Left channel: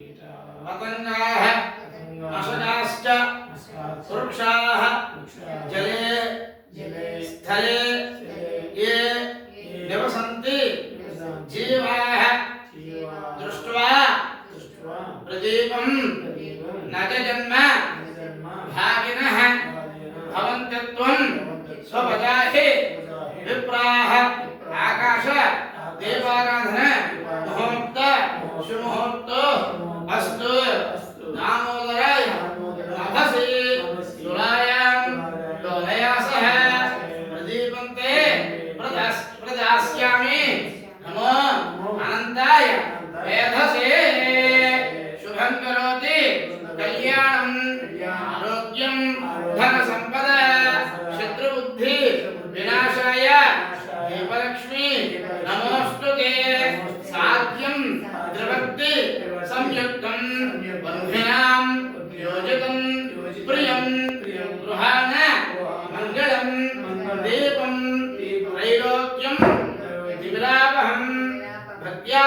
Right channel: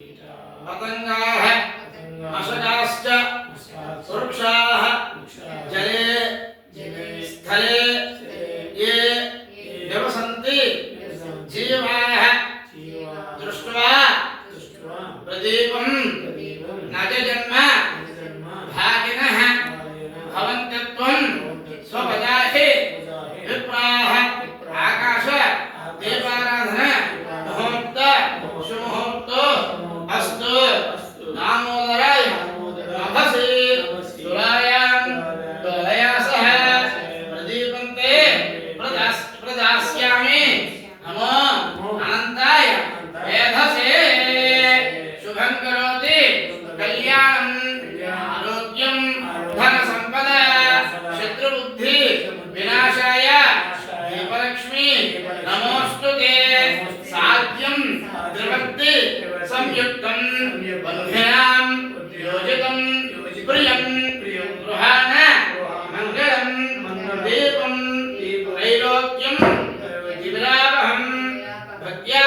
पतंगाः मशकाश्च वृक्षाः जले स्थले ये निवसन्ति जीवाः दृष्ट्वा प्रदीपं नजजन्म भागिनः भवन्त्यत्वं स्वपदाहि विप्राः आकाश दीपाराधन मुहूर्त शुमुहूर्त अस्तु दामोदराय नभसि तुलायां डोलया सह प्रदीपन्ते प्रदास्यामि नमो अनन्ताय वेधसे शुभं करोति कल्याणं आरोग्यं धनसम्पदा शत्रुबुद्धि विनाशाय दीपलक्ष्मी नमोस्तुते साध्यं त्रिवक्ति संयुक्तं बन्धनां योजितं प्रियं गृहाण मङ्गलं दीपं त्रैलोक्यं विलापहं भक्त्या